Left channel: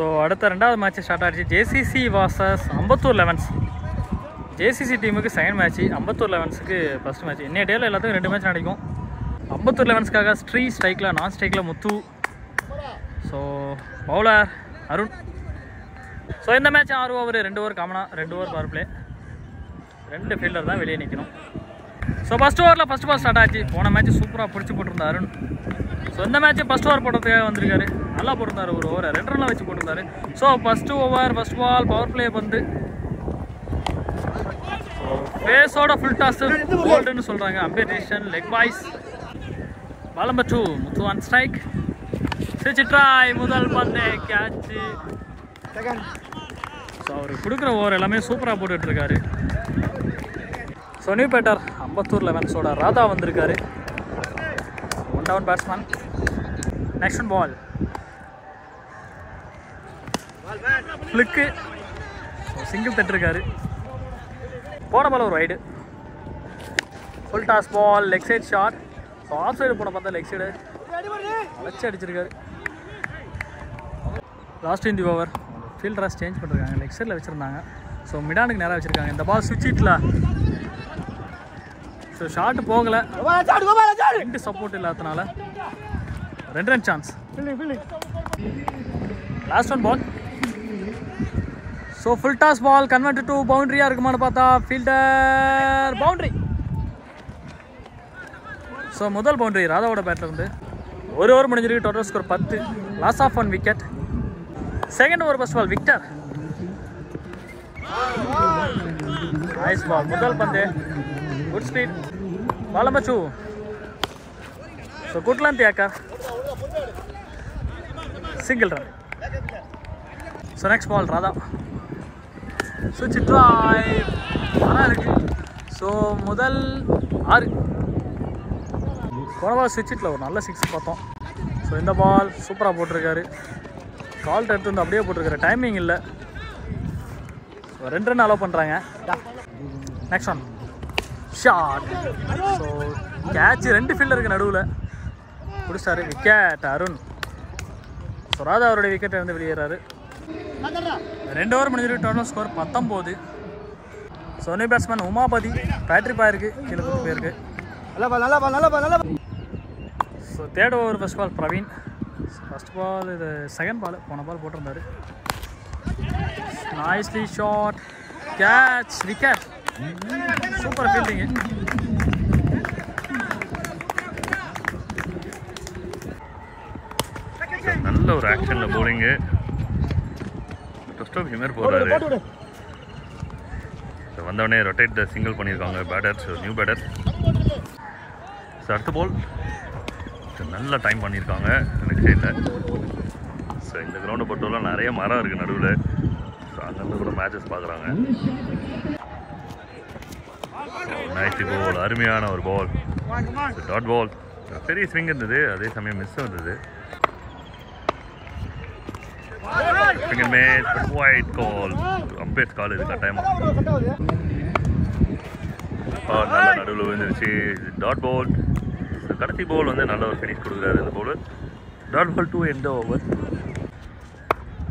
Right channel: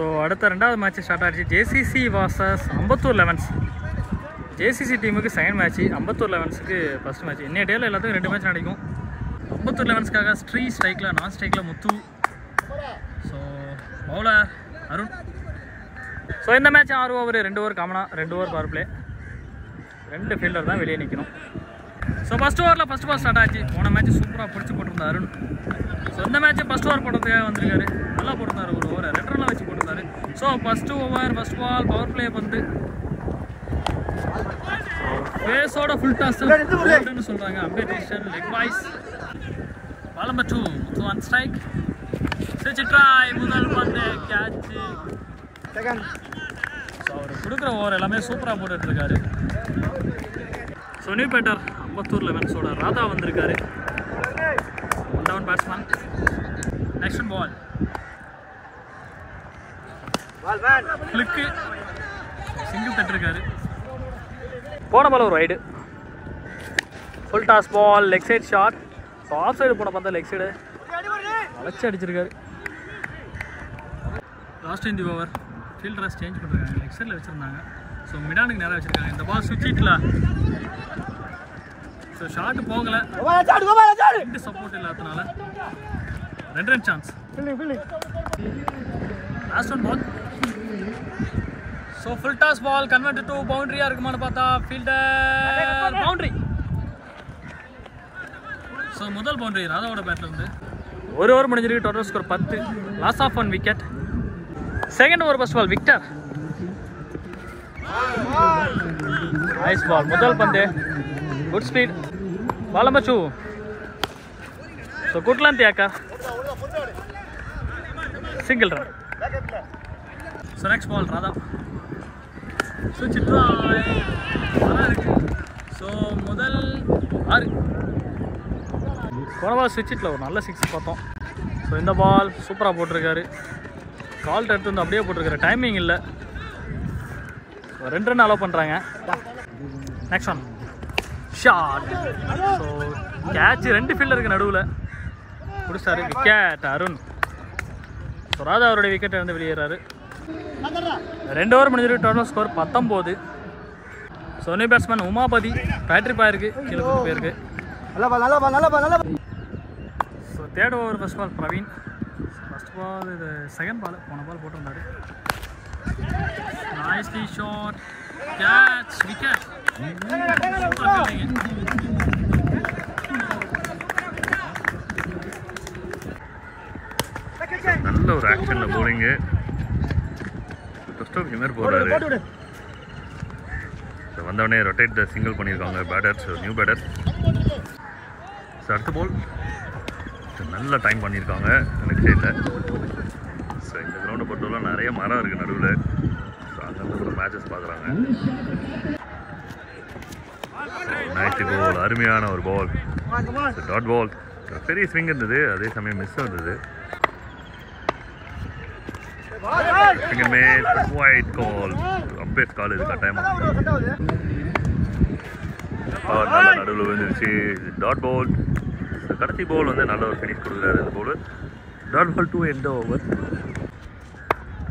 So அடுத்த ரெண்டாவது match start ஆகிடுச்சு. JCC versus Ambattur elevens. ஜேசிசி டீமுக்கு செகண்ட் மேட்ச்சு, அம்பத்தூர் லெவன்ஸுக்கு ஃபஸ்ட் மேட்ச். இன்னைய டேயில் எல்லாத்துக்கும் 2 மேட்ச் நடக்கும். அம்பத்தூர் லெவன்ஸ்க்காக ஸ்ட்ரைக்கில் நான் ஸ்ட்ரைக்கில் Muthu. So bowler Arun. So இந்த மேட்ச் 6 ஓவர் 2 ஓவர் காமனாக 2 ஓவர் பவர் பிளே. 2 ஃபீல்டர் தான் வெளியே நிற்கணும். ஸோ ஃபஸ்ட் ஓவரில் ஃபஸ்ட் பால் ஸ்டார்ட் ஆச்சு. போன மேட்ச் சூப்பராக பிடிச்சி போட்டிருந்தார் அருண். ஸோ இந்த மேட்ச் ஃபஸ்ட் ஓவர் போடுறதுக்காக வந்திருக்காரு. நல்லா போட்டிருந்தார். ஒரு ஓவர் 2 ரன்லாம் வச்சு போட்டிருந்தாரு. So first over first ball power play வந்து பேஸோட ஃபுல் டாஸ் போல்டுன்னு சொல்கிறாங்க. Umpire decision leg byes. Ball number 2 Muthu on strike. சிரிச்சு ட்ராய் முதல் பந்து கேட்ச். ஸோ அவர் கொடுக்குற ஓவர் எல்லாமே சூப்பராக போட்டுட்ருக்காரு. ஸோ நியூ பேட்டர் அம்பத்தூர் லெவன்ஸோட ராதா வந்திருக்காரு. 1 டவுன் பேட்ஸ்மேன். நெக்ஸ்ட் பால் ஃப்ளிக்கு சிங்கிள் தட்டிருக்காரு. போன பால் ஒரு ரைடு. Full toss ball leg side shot. So off side போன பார்த்தா லெக் சைடு வச்சு அடிச்சிருக்காரு. லாஸ்ட் இன் தி ஓவர் ஃபீல்டராக சேஞ்ச் பண்ணிருக்காங்க. லெக் சைடில் வச்சுருந்தாங்க. ஸோ மிடானுக்கு நேராக வச்சுருக்காங்க. இந்த பால் சுவிட்ச் ஹிட்டில். ஸோ ஷார்ட் போகலை. 2 சப்போர்ட் இல்லாதனால 2 run chance. Last one ball. So full toss ball convert to பவுண்டரியாக இருக்குமான்னு பார்த்தா ஃபீல்டர் பவுண்டரி. ஸோ முதல் பவுண்டரி ராதாவோட பேட்டில் இருந்து. 1 ஓவர் முடிஞ்சிருக்கு. Total score 10. Loss of 1 wicket. Second over first ball Victor. Nice ball. முதல் பந்து good speed. Ball number 2. So good length ஏக்கர் single run. So next ball Radha. சுவிட்ச் ட்ராய் நல்லா இருக்கு. ஸோ முதல் 6. போன பால் சுவிட்ச் ஹிட்டில் ஒரு நல்ல 6 பார்த்தோம். ஸோ இந்த பால் சூப்பராக போட்டிருக்காரு. கால் எடுத்து வந்து அப்படியே போட்டிருக்காரு. டைமிங் இல்லை. 2 ரன் அலோவ் பண்ணுறாங்க. Next one shot. So catch 2 ஃபீல்டருக்கு நடுவில் பிடிச்சாரு. விக்கெட் அருண். ஸோ ராதா அவருடைய விக்கெட் இருந்து வெளியேறாரு. 2 ஓவர் முடிஞ்சிருக்கு. Total score 19. So new batsman Umapathi. பேட்ரி பாயிருக்கு கீழே கூட்டு போயிருக்கு. So third over first ball Praveen. First ball இது செகண்ட் பால். போன பால் போட்டிருந்தாரு. Nicely shot catch wicket. Super fielding. நல்ல ஒரு ஆக்ஷனில் போலிங்கு. டஸ்ட் ஆஃப் ஹிமர் போடுறாரு. ஸோ வந்தவொடனே ரொட்டேட் த சிங்கிள் பண்ணியிருக்காங்க பேட்டர்ஸ். New batter. ஸோ அடுத்த பால் நல்ல டைம் பண்ணியிருக்காங்க எனக்கு சைடில். ஸோ இந்த கிரவுண்டை பொறுத்தவரை நிறைய மரம் இருக்குது நடுவில். ஸோ அங்கேருந்து கூட மேட்சஸ் பார்க்குறாங்க. நைட்டு பால் அருமையான ஒரு பால். டாட் பால். பெரிய ஸ்விங் இருந்தது. அதே சமயம் மிஸ் இருந்தது. ஒயிட் கால். அம்பேர் கால் இது கட்டாயமாக. நல்ல நடுவில் விழுந்துருச்சு. Dot ball. கடைசி பால் வந்து நல்ல ஒரு ஃபினிஷ் கொடுக்குறாரு இந்த ball. Dot ball 2 end over.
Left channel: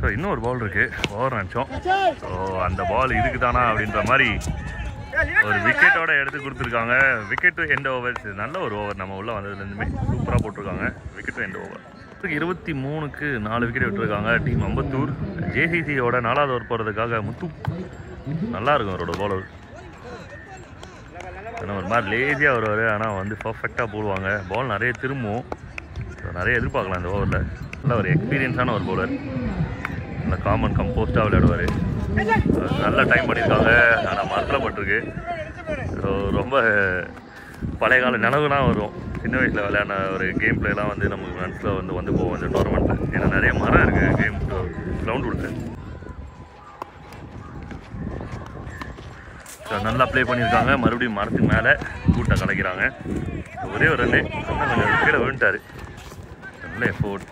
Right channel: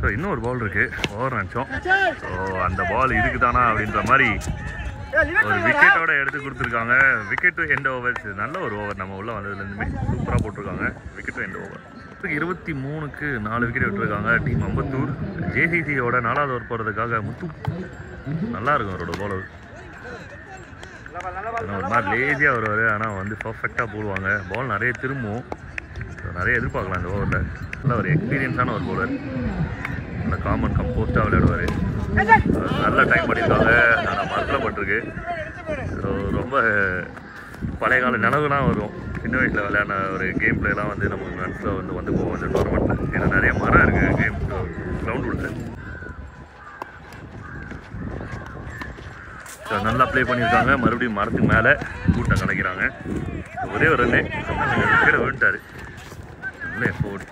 So இன்னும் ஒரு பால் இருக்குது. ஓவர் நினச்சோம். ஸோ அந்த பால் இதுக்கு தானா அப்படின்ற மாதிரி ஒரு விக்கெட்டோட எடுத்து கொடுத்துருக்காங்க. Wicket to end over. நல்ல ஒரு ஓவர். நம்ம உள்ளே வந்ததுலேருந்துமே சூப்பராக போட்டிருக்காங்க. Wicket to end over. 23க்கு 4 விக்கெட் விட்டுருக்காங்க டீம் அம்பத்தூர். ஜேசிசியோட 4வது ஓவர் போகிறதுக்காக முத்து. நல்லாயிருக்கும் அவரோட பாலர். ஏன்னா ஒரு மாதிரி லேசியாக வருவார். ஆனால் வந்து பர்ஃபெக்டாக போடுவாங்க. பால் நிறைய திரும்பும். நிறைய எதிர்பார்க்கலாம் இந்த ஓவரில். நல்ல ஒரு எக்ஸ்பீரியன்ஸான ஒரு பவுலர். நல்ல காமன் கம்போஸ்டாக விளையாடுவார். நல்ல டைம் பண்ணியிருக்காங்க. ஆனால் மரத்தில் பட்டிருக்கு. ஸோ ரொம்ப பழைய கால நினைவுலாம் வரும். சின்ன வயசில் விளையாடின ஒரு கேம் பிளேலாம் வந்து நமக்கு மனசில் வந்து போவோம் இந்த டோர்னமெண்ட்டில். ஏன்னா நிறைய மரம் இருக்குது கேம் கிரவுண்ட் உள்ள. ஸோ நல்லா ப்ளே பண்ணியிருக்காங்க. மறுபடியும் மரத்துக்கு மேலே கூட்டை கலைக்கிறாங்க. ஒரே ஒரு ரன்னு ஆனால் கொஞ்சம் விக்கெட்டை விழுந்துட்டார். நல்ல எஃபோர்ட்.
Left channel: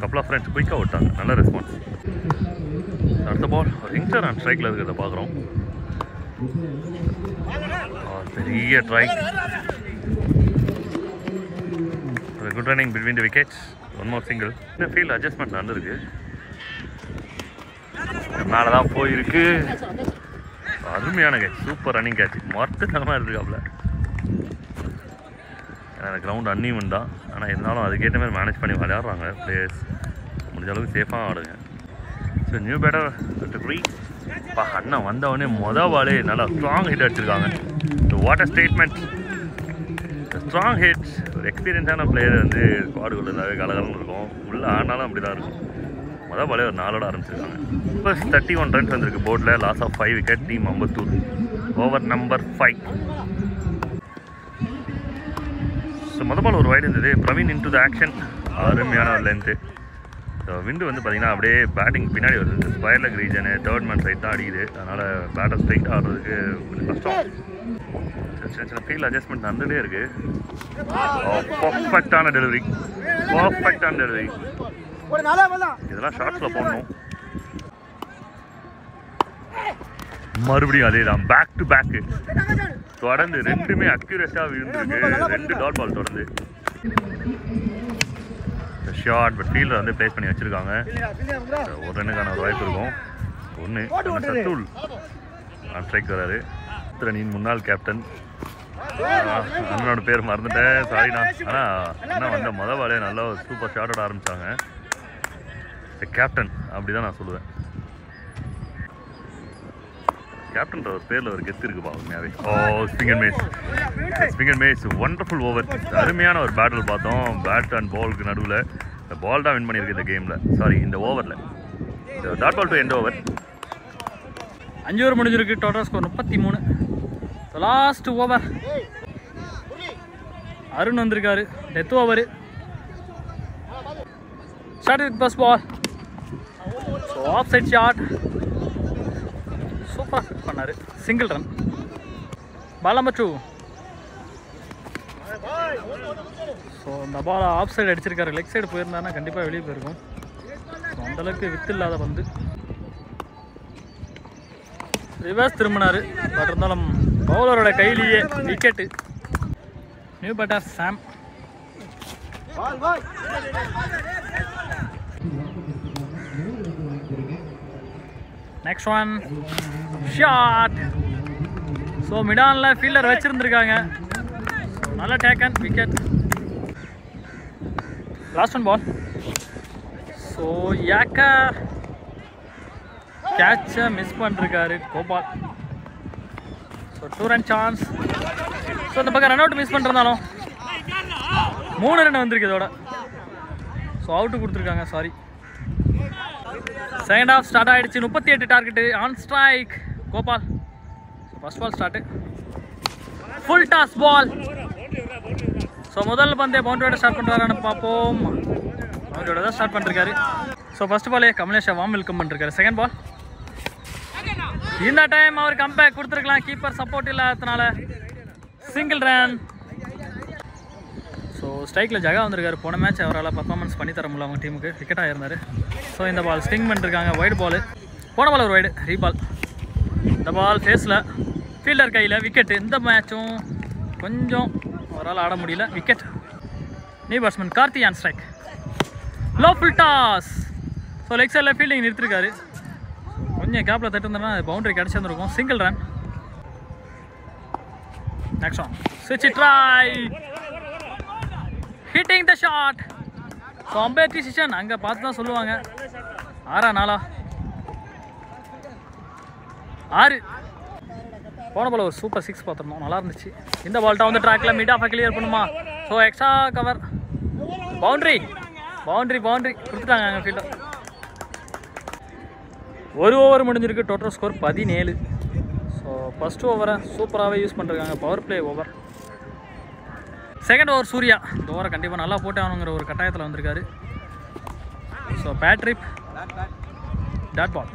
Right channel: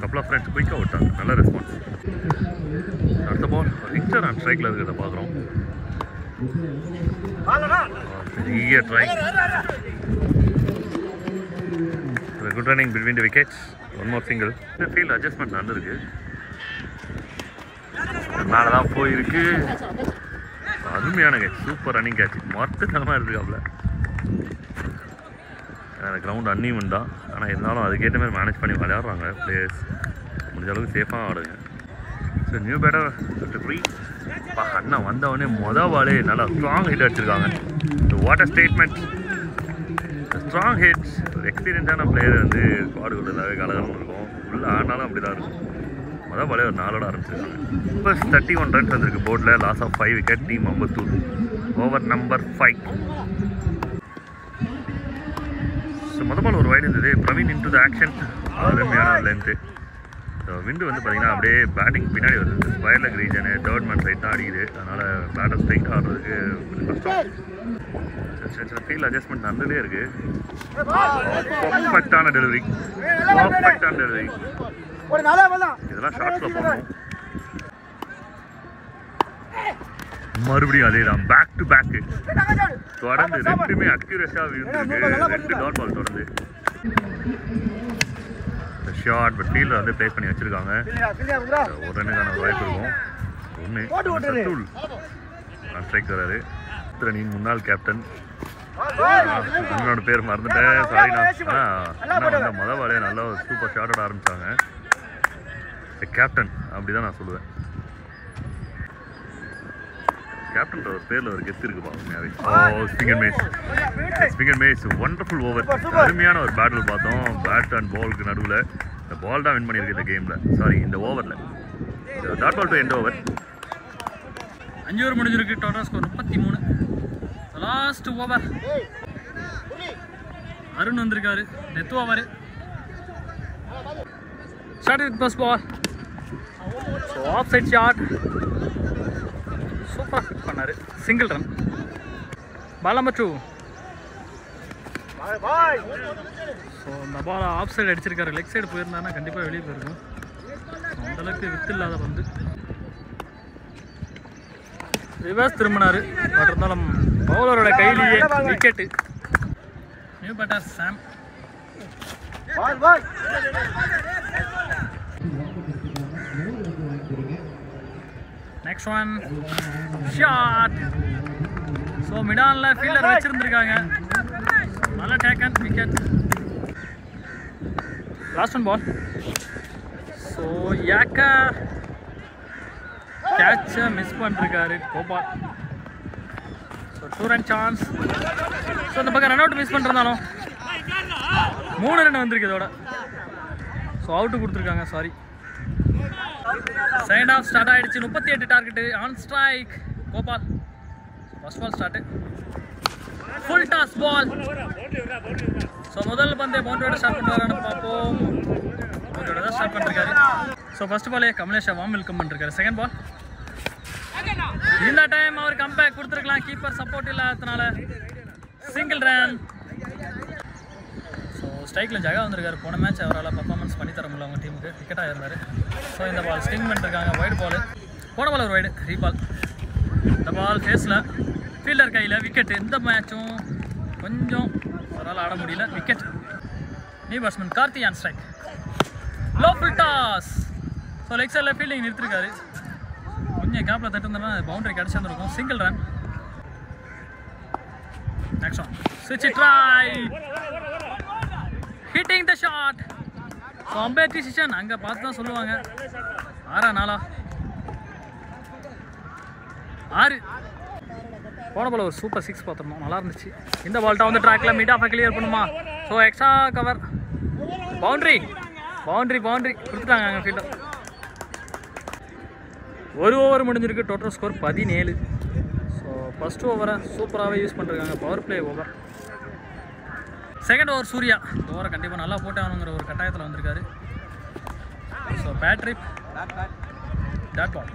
கப்பல் ஆஃப் ஃப்ரெண்ட்ஸ் குயிக்காக விட்டாங்க. நல்ல ரெஸ்பான்ஸ். அடுத்த பால் ஒரு யங்ஸ்டர் ஆன் ஸ்ட்ரைக்கில் இருக்கிறத பார்க்குறோம். பெரிய try. Good running between the wickets. 1 more single. இந்த ஃபீல்ட் அட்ஜஸ்ட்மெண்ட் நடந்திருக்கு. மேலே தான் போயிருக்கு. அருமையான கேட்ச், சூப்பர் ரன்னிங் கேட்ச், மொத்தமாக இருக்காப்புல. எனக்கு கிரவுண்ட் அன்னிவன் தான், ஆனால் இருந்தாலும் அதுக்கேற்ற மாதிரி மேனேஜ் பண்ணி விளையாடுறாங்க பிளேயர்ஸ். முடிஞ்ச அளவுக்கு சேஃபாக ஆடுங்க. So new batter free. அண்ணா வந்தவொடனே பாலே நல்லா ஸ்ட்ராங் ஹிட் அடிச்சிருக்காங்க. So what a statement, strong hits. ஒரு எக்ஸ்பீரியன்ஸான பிளேயர் வந்து ஸ்குவாடுக்குள்ள எல்லாவே கலகலன்னு இருக்கும், உள்ளே ஆனாலும் அப்படி தான் இருக்கும். பாலே ஒரு 4 ஆரம்பிச்சிருக்காங்க. இப்போ 31 ரன்ஸ் வந்திருக்கு போர்டில். Loss of 5 wicket. Team Ambattur. Over number 5. So ball ஒரு வைடு இருந்தது. Praveen into the action. அருமையான ஒரு லென்த்து. ஸோ விண்டு வந்து பார்த்திங்கன்னா அப்படியே பேட்டிங் பின்னாடி வருது. Square leg region, third man side தான் அடிக்குது. அதனால் பேட்டர் ஸ்ட்ரைட்டாக ஆடுறதுக்கு கொஞ்சம் கஷ்டம். சின்ன சின்ன ஃபீல்ட் அட்ஜஸ்ட்மெண்ட் நடந்துகிட்டே இருக்குது. பர்ஃபெக்டான டெலிவரி, பர்ஃபெக்டான டெலிவரி. இதெல்லாம் ஷார்ட்ஸில் போடணும். மறுபடியும் அதே தான், பேக் டு பேக்கு தொடர்ந்து. ரெண்டுமே அக்யூரஸாக விழுந்துருக்கு. 2 டாட் பால் தொடர்ந்து. ஷார்ட் பட் ஃபீல்டர் வந்து பிளேஸ் பண்ணி வச்சுருக்காங்க. ஒரு ரன்னுக்கான ஒரு வாய்ப்பு இருக்கும். 1 சத்துல் நான் ஸ்ட்ரைக் வராரு. அணியின் முன்னாள் கேப்டன். அண்ணனோட பேர் மறந்துட்டேன், சாரிண்ணா. ஆனால் அண்ணா வந்த பாலே நல்லா ஒரு சூப்பர் ஷாட்டோட ஆரம்பித்தாங்க. கேப்டன் அப்படி தான் நான் சொல்லுவேன். கேப்டன்ற ஒரு பேரில் ஒரு கெத்து இருக்குப்பா உண்மையாகவே. ஸ்பிங்கர் மேஸ் ஒண்டர்ஃபுல் ஓவர். அருமையான ஒரு பேட்டில் பார்த்தோம். பேட் அண்ட் பாலுக்கு நடுவில். இந்த பால் தான் வின் பண்ணியிருக்கு இந்த கேமில், சாரி இந்த ஓவரில். Dot ball to end over. 5 over முடிஞ்சிருக்கு. Total score 33. Last over. Arun வந்திருக்காரு. Death over. Start with first ball. So off side shot. சூப்பராக பண்ணார். Single run. Ball number 2. So இந்த பால் ஆஃப் சைடு அடிச்சிருக்காரு. லெக் சைடு போயிருந்தாருன்னா கண்டிப்பாக வெளியே போயிருக்கும். அந்தளவுக்கு வித்து இல்லாத பந்து. ரிவர்ஸ் திரும்பினார். பட் இருந்தாலும் பவுலரோட கையிலேயே wicket. New batter Sam. Next one shot. So மிடானில் ஃபீல்டர் வச்சுருந்துருக்காங்க. நல்லா taken wicket. Last one ball. So yorker கேட்சை மிஸ் பண்ணிருக்காரு Gopal. So 2 run chance. So இந்த பக்கம் ரன் அவுட் மிஸ் பண்ணிருந்தாலும் 3 ரன் வந்திருக்கு இதோட. ஸோ அவுட்டு கொடுத்துருக்காங்க, சாரி. செகண்ட் ஹாஃப் ஸ்டார்ட் ஆகிடுச்சு. 38 target. On strike Gopal. First ball start. Full toss ball. So முதல் பந்தே பவுண்டரியோட ஸ்டார்ட் பண்ணுறாருன்னு பார்ப்போம். பவுண்டரியோட தான் ஸ்டார்ட் பண்ணிருக்காரு. ஸோ ஃபர்ஸ்ட் பாலே கமலேஷா வார்ம் வெல்கம் பண்ணிருக்காரு. Second ball. இந்த டைம் அவர் கம்பேக் கொடுத்துருக்கலாம். கீப்பர் சப்போர்ட் இல்லாததுனால சிங்கிள் ரன். ஸோ ஸ்ட்ரைக்கில் ஜகா வந்திருக்காரு. போன மேட்ச் அவரால் பர்ஃபார்மன்ஸ் பண்ணி தர முடியல அவங்க டீமுக்கு. விக்கெட்டாக இருந்தார். ஸோ இந்த பால் ஸ்டிங் பண்ணிருக்காங்க. வைடு பால். போன பால் ஒரு வைடு ரீபால். இந்த பால் ஃபேஸில் ஃபீல்டர் கையில் விக்கெட்டு. இந்த மேட்சும் கொஞ்சம் அவரால் ஆட முடியல. Wicket. New batsman Karthi on strike. Low full toss. So leg சைடில் ஃபீல்டிங் நிறுத்திருக்காரு. கொஞ்சம் கேப்பில் தட்டுருந்தோம்னா பவுண்டரி கிடச்சிருந்துருக்கும். Single run. நெக்ஸ்ட் ஒன் ஸ்விட்ச் try. Hitting the shot. So umpire decision அங்கே பார்த்து தான் சொல்லுவாங்க. 6-4. 6. போன பால் ஒரு சூப்பர் 6 பார்த்துருந்தோம், நல்லா இருந்துச்சு. இந்த பால்ட்டை வந்து ட்ராக்கில் மிட் ஆஃபை கிளியர் பண்ணுமா? So extra cover. பவுண்ட்ரி கொடுத்துட்டாங்க அங்கே ஃபீல்டர். 1 ஓவர் முடிஞ்சிருக்கு. Total score 17. ஸோ ஃபஸ்ட் ஓவரை சூப்பராகவே யூஸ் பண்ணிருக்காங்க. Power play over. Second over Surya. இந்த ஓவரை கண்டிப்பாக நல்லா போட்டு ஆகணுங்கிற ஒரு கட்டாயத்தில் வந்திருக்காரு. ஸோ பேட்ரிப் டாட் பால்.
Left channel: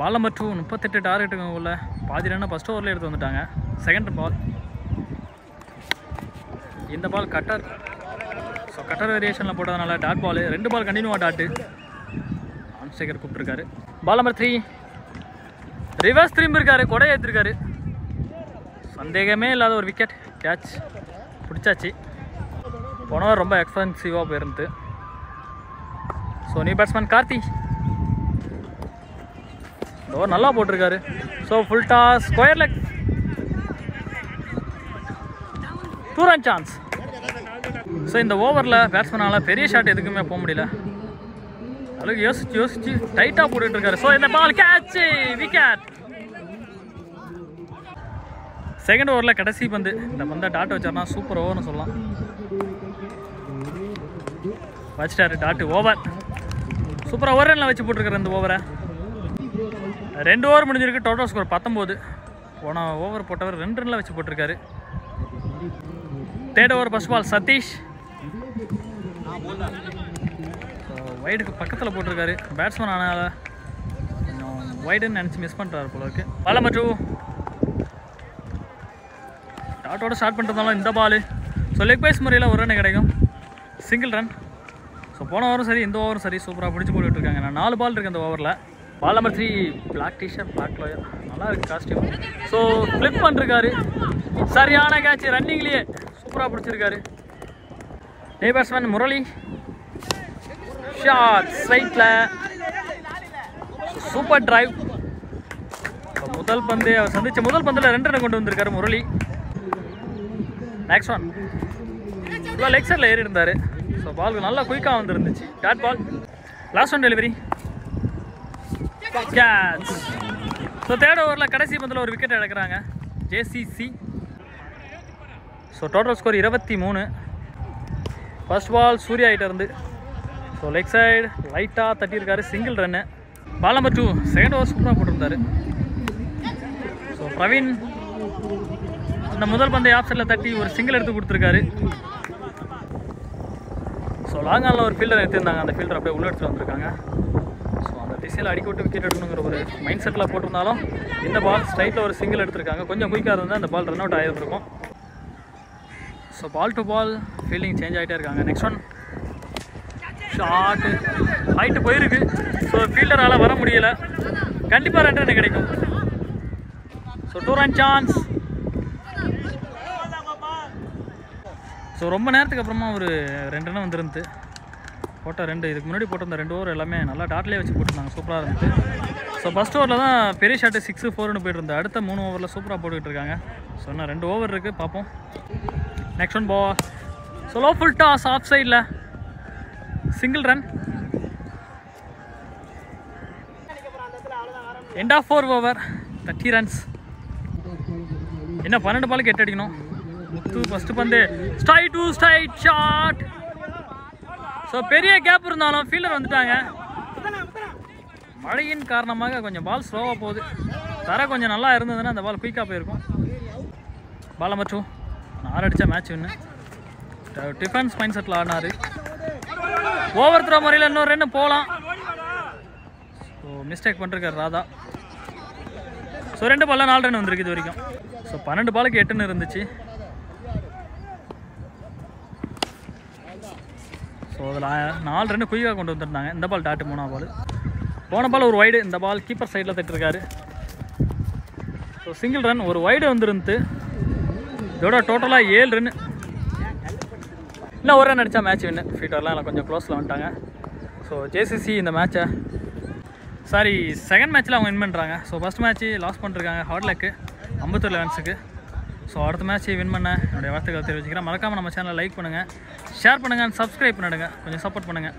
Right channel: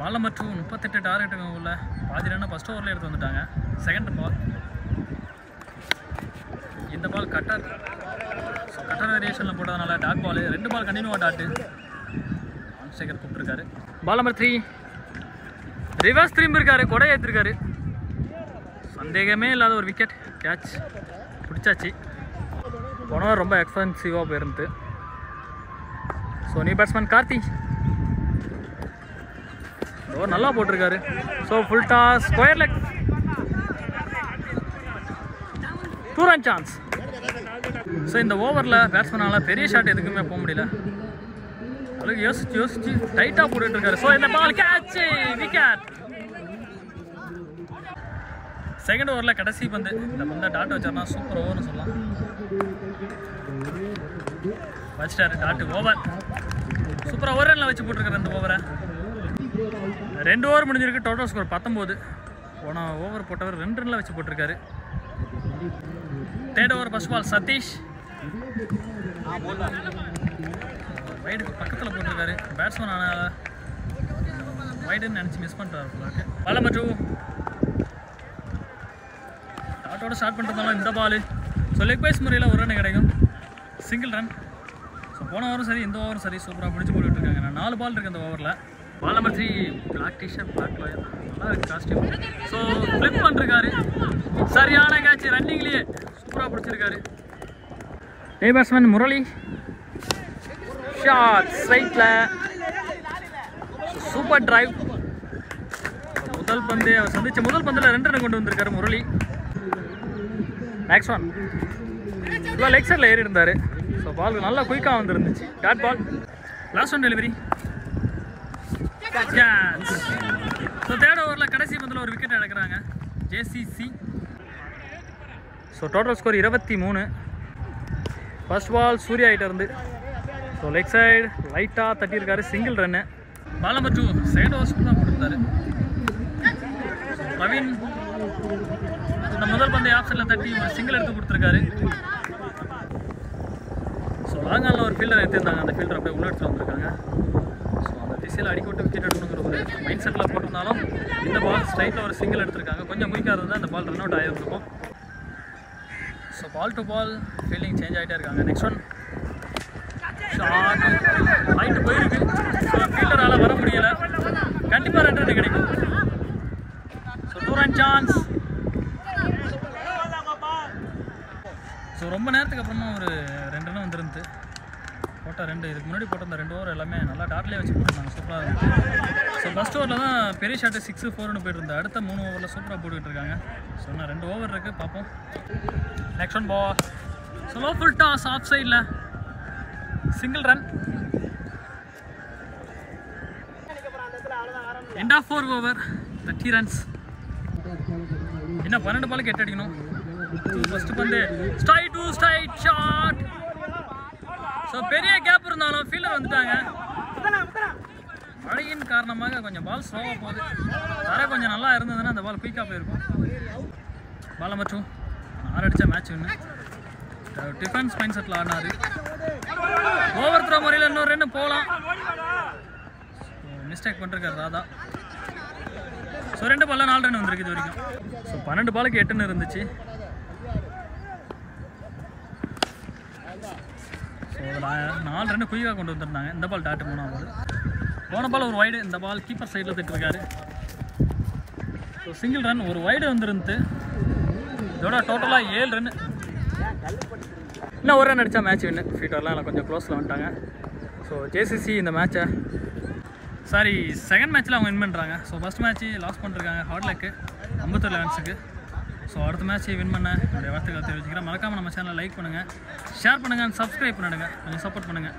Ball number 2. 38 டார்கெட்டுங்க உள்ள. பாதி ரன்னு ஃபஸ்ட் ஓவரில் எடுத்து வந்துட்டாங்க. Second ball. இந்த பால் கட்டர். ஸோ கட்டர் வேரியேஷனில் போட்டதுனால டாட் பால். 2 பால் கண்டினியூவாக டாட்டு அம்சேகர் கூப்பிட்டுருக்காரு. Ball number 3. ரிவர்ஸ் திரும்பி இருக்காரு. கொடை ஏற்றிருக்காரு. சந்தேகமே இல்லாத ஒரு விக்கெட். கேட்ச் பிடிச்சாச்சு. போனவர் ரொம்ப எக்ஸ்பென்சிவாக போயிருந்து. So new batsman Karthi. Over நல்லா போட்டிருக்காரு. So full toss square leg 2 run chance. So இந்த ஓவரில் பேட்ஸ்மேனால் பெரிய ஷாட் எதுக்குமே போக முடியல. அதுக்கு யோசிச்சு டைட்டாக போட்டுட்டு இருக்காரு. ஸோ இந்த பால் கேட்ச், விக்கெட். செகண்ட் ஓவரில் கடைசி பந்து, இந்த பந்தை டாட் வச்சார்னா சூப்பர் ஓவர்னு சொல்லலாம். வச்சிட்டாரு டாட்டு. ஓவர் சூப்பராக ஒரு ரனில் வச்சு போட்டிருக்காரு இந்த ஓவரை. 2 ஓவர் முடிஞ்சிருக்கு. Total score 19. போன ஓவர் போட்டவர் 2 ரனில் வச்சு போட்டிருக்காரு. Third over first ball Sathish வைடுக்கு பக்கத்தில் போட்டிருக்காரு. பேட்ஸ்மேன் ஆனால் வைடுன்னு நினச்சி மிஸ் பண்ணுறாரு போல இருக்கு. பால் நம்பர் 2 டாட்டோட ஸ்டார்ட் பண்ணுறதாலும் இந்த பால். ஸோ லெக் பைஸ் முறையில் ஒரு ரன் கிடைக்கும், சிங்கிள் ரன். ஸோ போன ஓவரும் சரி இந்த ஓவரும் சரி சூப்பராக பிடிச்சி போட்டுட்ருக்காங்க. நான் 4 பால் இருக்குது இந்த ஓவரில். Ball number 3 black T-shirt black player, நல்லா இருக்குது காஸ்டியூம். ஸோ ஃப்ளிப் பண்ணிருக்காரு. சரியான கேட்ச், ரன்னிங்லேயே சூப்பராக பிடிச்சிருக்காரு. டே பேட்ஸ்மேன் முரளி ஷாட் ஸ்ட்ரைட்டில் சூப்பர் டிரைவ். முதல் பந்து அவர் சந்திச்ச முதல் பந்தில் 2 ரன் கொண்டு வந்திருக்காரு முரளி. நெக்ஸ்ட் ஒன் இவ்வளோ லெக் சைடில் ஏறி இருந்தார். ஸோ பால் நல்லா குயிக்காக வந்துருந்துச்சு. Dot ball. Last one delivery catch. So third ஓவரில் கடைசி பந்தில் ஒரு விக்கெட் எடுக்கிறாங்க JCC. So total score 23. First ball Surya கிட்ட இருந்து. ஸோ லெக் சைடு லைட்டாக தட்டியிருக்காரு, single run. Ball number 2 second over சூப்பராக போட்டிருந்தாரு. ஸோ பிரவீன் இந்த முதல் பந்தை ஆஃப் சைடில் தட்டி ஒரு சிங்கிள் எடுத்து கொடுத்துருக்காரு. ஸோ லாங் ஆனில் ஒரு ஃபீல்டர் எடுத்திருந்தாங்க, அந்த ஃபீல்டர் அப்படியே உள்ள எடுத்துகிட்டு வந்திருக்காங்க. ஸோ அந்த திசையில் அடிக்கோட்டு விக்கெட் எடுக்கணுங்கிற ஒரு மைண்ட் செட்டில் போட்டிருந்தாலும் இந்த பால் ஸ்ட்ரைட்டில் ஒரு சிங்கிள் எடுத்திருக்காங்க. கொஞ்சம் குயிக்காக இருந்தால் அந்த பால் ரன் அவுட் ஆகிருக்கும். So ball to ball fielding change ஆகிட்டே இருக்காங்க. நெக்ஸ்ட் ஒன் ஷாட்டு ஹைட்டு போயிருக்கு. ஸோ ஃபீல்டரால் வர முடியலை. கண்டிப்பாக 2 ரன் கிடைக்கும். So 2 run chance. ஸோ ரொம்ப நேரத்துக்கு அப்புறமா ஒரு 2 ரன் வந்துருந்து. போட்ட 2 இதுக்கு முன்னாடி போட்டிருந்த 2 ஓவர் எல்லாமே நல்லா டாட்லேயே வச்சு போட்டிருந்தாங்க, சூப்பராக இருந்துச்சு. ஸோ ஃபஸ்ட் ஓவரில் தான் பெரிய ஷாட்டு 6, 4ன்னு போயிட்டு இருந்தது. அடுத்த 3 ஓவரில் சூப்பராக போட்டுக்கிட்டு இருக்காங்க. ஸோ இன்னும் 2 ஓவர் இருக்குது, பார்ப்போம். Next one ball. So low full toss off சைடில் single run. End of 4 over 30 runs. என்ன 12 பாலுக்கு 8 அடிக்கணும். ஃபர்ஸ்ட் பந்து ஸ்ட்ரைட் ஷாட். ஸோ பெரிய கேப் இருந்தாலும் ஃபீல்டர் வந்துட்டாங்க. மழையின் காரணமாக கொஞ்சம் பால் ஸ்லோவாக போகுது. தர கொஞ்சம் நல்லா இருந்ததுன்னா அந்த பால் குயிக்காக போயிருக்கும். பால் நம்பர் 2 6 அடித்தா மேட்ச் வின்னு. டிஃபென்ஸ் மைண்ட் செட்டில் ஆடினார். ஓவர் த்ரோ முறையில் இன்னொரு ரன் போகலாம். ஸோ மிஸ்டேக் பண்ணிருக்காரு ராதா. ஸோ 2 பாலில் 4 ரன் வந்திருக்கு இது வரைக்கும். ஸோ 12 பாலுக்கு 8ன்னு இருந்துச்சு. ஸோ அதில் 4 ரன் குயிக்காக கொண்டு வந்துருந்தாங்க. இந்த பால் டாட்டு 3ஆம் பால். போன பால் ஒரு வைடு, இந்த பால் கீப்பர் சைடில் தட்டிருக்காரு. ஸோ சிங்கிள் ரன், ஒரு வைடு வந்துருந்து. இதோட டோட்டலாக 7 ரன். இன்னும் ஒரு ரன் அடித்தா மேட்ச் வின்னு. ஃபீட்டர்லாம் எல்லாம் கொஞ்சம் க்ளோஸில் வந்துட்டாங்க. ஸோ ஜேசிசி இந்த மேட்சை செகண்ட் மேட்ச்சில் அவங்க வின் பண்ணுறாங்க. ஸோ ஃபஸ்ட் மேட்ச்சு லாஸ் பண்ணிருக்காங்க ஹார்ட் லக்கு அம்பத்தூர் லெவன்ஸுக்கு. ஸோ அடுத்த மேட்ச் வின் பண்ண என்னுடைய வார்த்தைகளை தெரிவிச்சுக்கிறேன். மறக்காமல் நம்ம சேனலை லைக் பண்ணுங்கள், ஷேர் பண்ணுங்கள், சப்ஸ்கிரைப் பண்ணிடுங்க, கொஞ்சம் சப்போர்ட் பண்ணுங்கள்.